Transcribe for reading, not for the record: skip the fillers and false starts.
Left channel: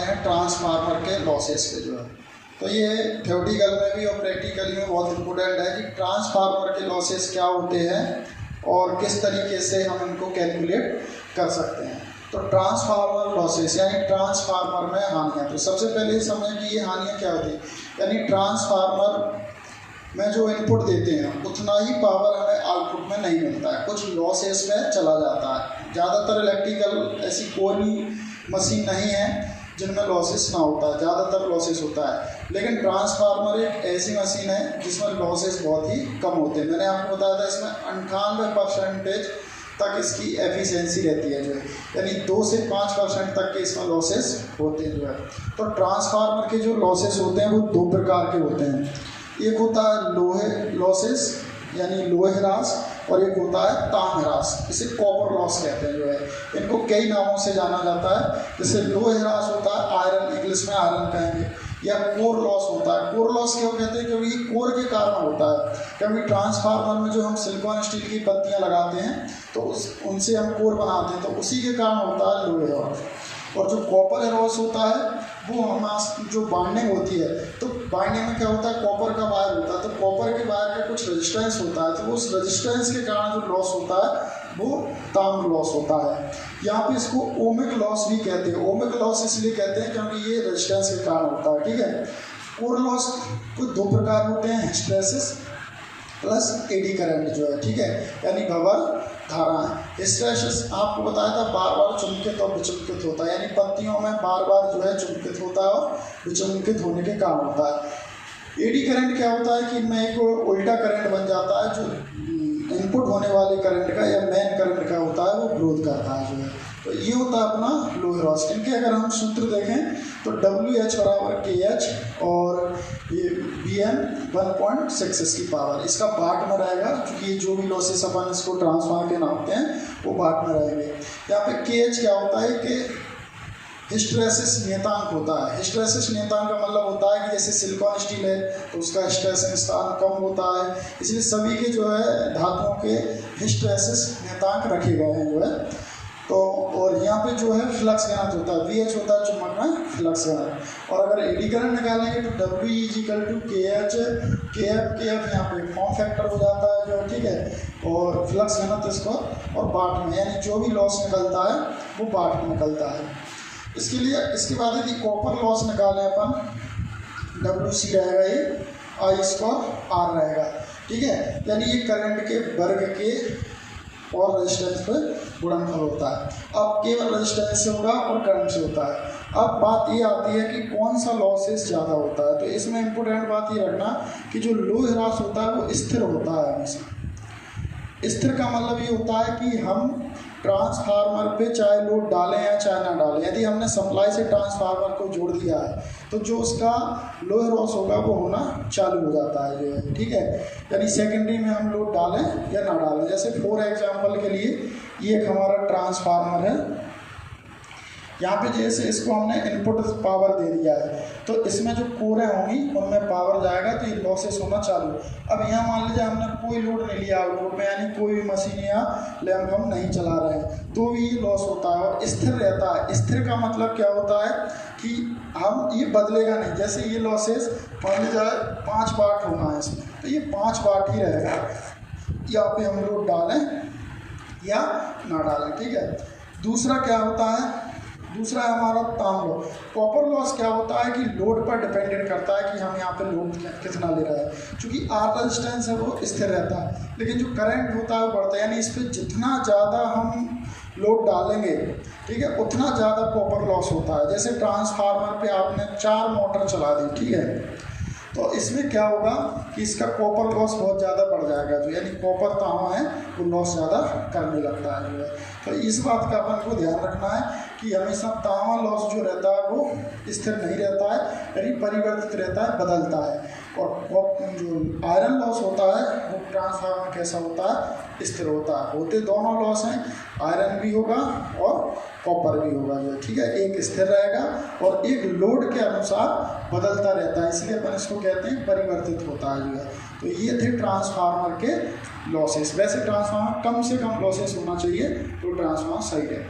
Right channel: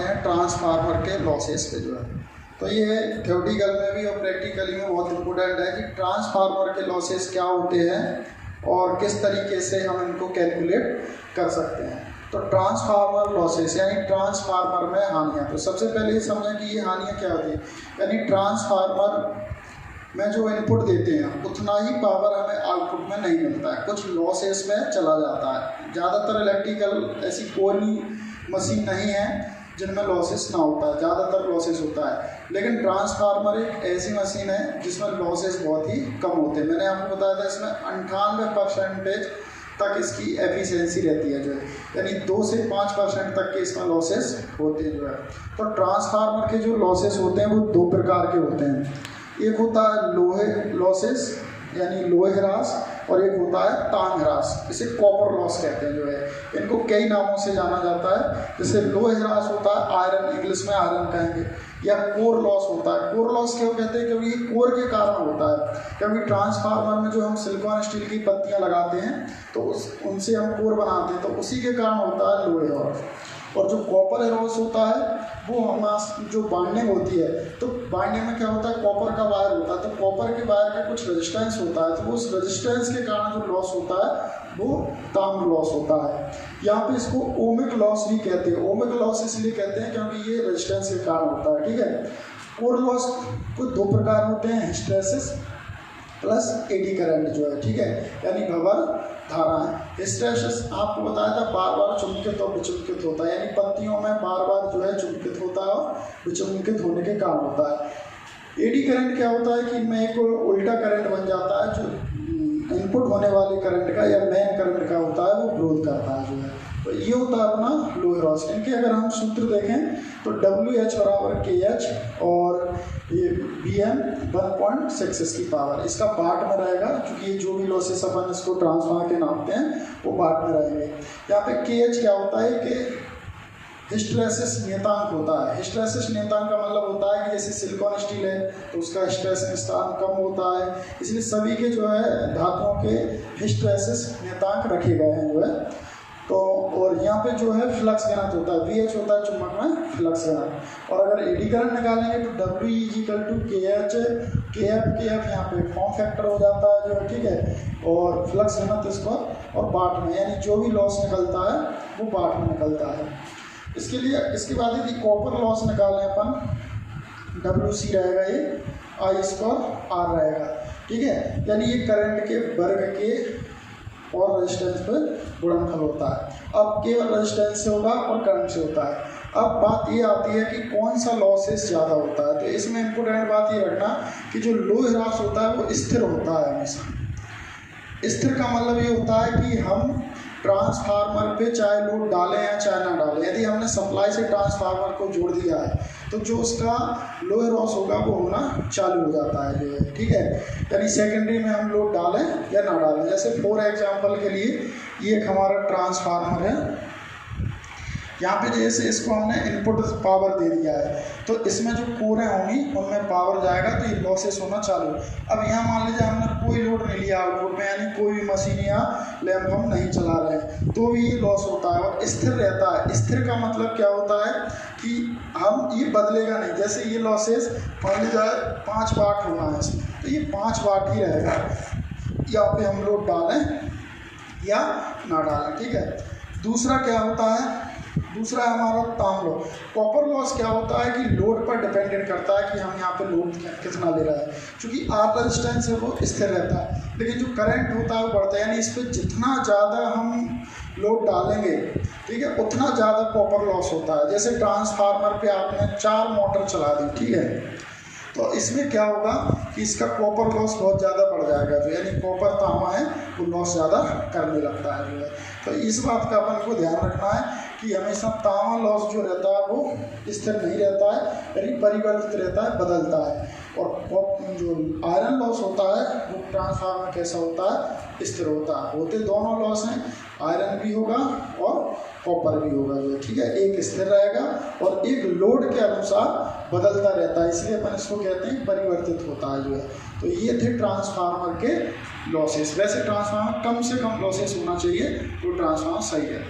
आते हैं ट्रांसफार्मर के लॉसेस पे जो है। तो ये थ्योरेटिकल में भी और प्रैक्टिकली में बहुत इम्पोर्टेंट है कि ट्रांसफार्मर के लॉसेस क्या होते हैं और किस तरीके से हम इनको कैलकुलेट कर सकते हैं। तो ट्रांसफार्मर लॉसेस यानी ट्रांसफार्मर में हानियाँ। तो सबसे पहले ये समझें कि ये हानियाँ क्या होती है। यानी ट्रांसफार्मर में जो इनपुट देते हैं उतना ही पावर हमें आउटपुट में नहीं मिलता है, कुछ लॉसेस में चला जाता है। ज़्यादातर इलेक्ट्रिकल ऐसी कोई मशीन नहीं है जिनमें लॉसेस ना होता है, ज़्यादातर लॉसेस होता है। लेकिन ट्रांसफार्मर एक ऐसी मशीन है जिसमें लॉसेस बहुत ही कम होते हैं। मैंने आपको बताया था इसमें 98% तक इसकी एफिशिएंसी रहती है जो है, यानी 2 से 5% तक के इसमें लॉसेस होते हैं जो है। तो ट्रांसफार्मर के जो लॉसेस होते हैं वो 2 प्रकार के होते हैं। एक होता है लोहे लॉसेस यानी लोहे ह्रास, और एक होता है तांग ह्रास, इसे कॉपर लॉस कहते हैं जो है। इनको कई नामों से जाना जाता है। जैसे लोहे ह्रास होता है आयरन, इंग्लिश में आयरन कहेंगे, या कोर लॉस होता है। कोर लॉस क्यों कहते हैं? क्योंकि कोर के कारण होता है। क्योंकि ट्रांसफार्मर में जो हम सिलिकॉन स्टील की पत्तियाँ लगाते हैं तो उनसे हम कोर बनाते हैं, तो उसी के कारण होता है लोहे लॉस। और जो कॉपर लॉस होता है वो हमारे जो बाइंडिंग होती है, तो बाइंडिंग में क्या होता है, कॉपर का वायर होता है, तो कॉपर के वायर का कुछ रेजिस्टेंस होता है, तो उस रेजिस्टेंस के कारण जो लॉस होता है वो तांग लॉस होता है। यहाँ पे इसको ओमिक लॉस भी कहते हैं। ओमिक लॉस इसलिए कहते हैं क्योंकि ये रेजिस्टेंस के कारण होता है। ठीक है। कोर लॉस कुछ 2 प्रकार होते हैं, हिस्टैरिसीस प्लस एडी करंट जो है। ठीक है, यानी भंवर धाराएं। हिस्टैरिसीस आपको बताया था बार बार चुंबकित और विचुंबकित होता है, यानी पत्तियों में बार बार जो है चुंबकित होता है और विचुंबकित होने के कारण होता है। एडी करंट क्या होता है कि इनमें एक उल्टा करंट बन जाता है, जो इनपुट होने वाले करंट का या मेन करंट का होता है वो विरोध करता है जो है। तो ये होता है अपना लोहे लॉस। इनके अगर हम सूत्र देखें तो WH बराबर KH और ये BM 1.66 की पावर, इसका बाट में रहेगा, क्योंकि ये जो भी लॉसेस अपन इसको ट्रांसफार्मर के नापते हैं वो बाट में रहेंगे। यहाँ पे KH क्या होता है कि हिस्टैरिसीस नियतांक होता है। हिस्टैरिसीस नियतांक का मतलब होता है कि जैसे सिलिकॉन स्टील है तो उसका हिस्टैरिसीस स्थान कम होता है, इसलिए सभी के जो है धातुओं के हिस्टैरिसीस नियतांक रखे गए हैं जो है। तो और यहाँ पे जो है फ्लक्स घनत्व होता है, VH होता है चुंबक में फ्लक्स घनत्व। और अगर एडी करंट निकालेंगे तो W KH KF यहाँ पे फॉर्म फैक्टर हो जाता है जो, ठीक है, और फ्लक्स घनत्व इसको और बाट में, यानी जो भी लॉस निकलता है वो बाट में निकलता है। इसके लिए इसके बाद यदि कॉपर लॉस निकालें अपन, WC रहेगा ये, I स्क्वायर R रहेगा। ठीक है, यानी ये करंट के वर्ग के और रेजिस्टेंस पे गुणनफल होता है। अब केवल रेजिस्टेंस से होगा और करंट से होता है। अब बात ये आती है कि कौन सा लॉसेस ज़्यादा होता है। तो इसमें इम्पोर्टेंट बात ये रखना कि जो लोहे ह्रास होता है वो स्थिर होता है हमेशा। स्थिर का मतलब ये होता है कि हम ट्रांसफार्मर पे चाहे लोड डालें या चाहे ना डालें, यदि हमने सप्लाई से ट्रांसफार्मर को जोड़ दिया है तो जो उसका लोहे लॉस होगा वो होना चालू हो जाता है जो है। ठीक है, यानी सेकेंडरी में हम लोड डालें या ना डालें। जैसे फॉर एग्जांपल के लिए ये एक हमारा ट्रांसफार्मर है, यहाँ पे जैसे इसको हमने इनपुट पावर दे दिया है तो इसमें जो कोरें होंगी उनमें पावर जाएगा तो ये लॉसेस होना चालू। अब यहाँ मान लीजिए हमने कोई लोड नहीं लिया आउटपुट में, यानी कोई भी मशीन या लैंप हम नहीं चला रहे हैं, तो भी ये लॉस होता है और स्थिर रहता है। स्थिर का मतलब क्या होता है कि हम ये बदलेगा नहीं। जैसे ये लॉसेस मान लीजिए 5 वाट होना है इसमें, तो ये 5 वाट ही रहेगा, यहाँ पे हम लोड डालें या ना डालें। ठीक है, दूसरा क्या होता है, दूसरा है हमारा तांग लॉस। कॉपर लॉस क्या होता है कि लोड पर डिपेंडेंट करता है कि हम यहाँ पे लोड कितना ले रहा है। चूँकि R रेजिस्टेंस है वो स्थिर रहता है, लेकिन जो करंट होता है वो बढ़ता है, यानी इस पर जितना ज़्यादा हम लोड डालेंगे, ठीक है, उतना ज़्यादा कॉपर लॉस होता है। जैसे ट्रांसफार्मर पे आपने 4 मोटर चला दी, ठीक है, तो इसमें क्या होगा कि इसका कॉपर लॉस बहुत ज़्यादा बढ़ जाएगा, जो यानी कॉपर तांबा है वो लॉस ज़्यादा करने लगता है जो है। तो इस बात का अपन को ध्यान रखना है कि हमेशा तांबा लॉस जो रहता है वो स्थिर नहीं रहता है, यानी परिवर्तित रहता है, बदलता है। और जो आयरन लॉस होता है वो ट्रांसफार्मर कैसा होता है, स्थिर होता है। होते दोनों लॉस हैं, आयरन भी होगा और कॉपर भी होगा जो, ठीक है, एक स्थिर रहेगा और एक लोड के अनुसार बदलता रहता है, इसलिए अपन इसको कहते हैं परिवर्तित होता है जो है। तो ये थे ट्रांसफार्मर के लॉसेस। वैसे ट्रांसफार्मर कम से कम लॉसेस होना चाहिए तो ट्रांसफार्मर सही है।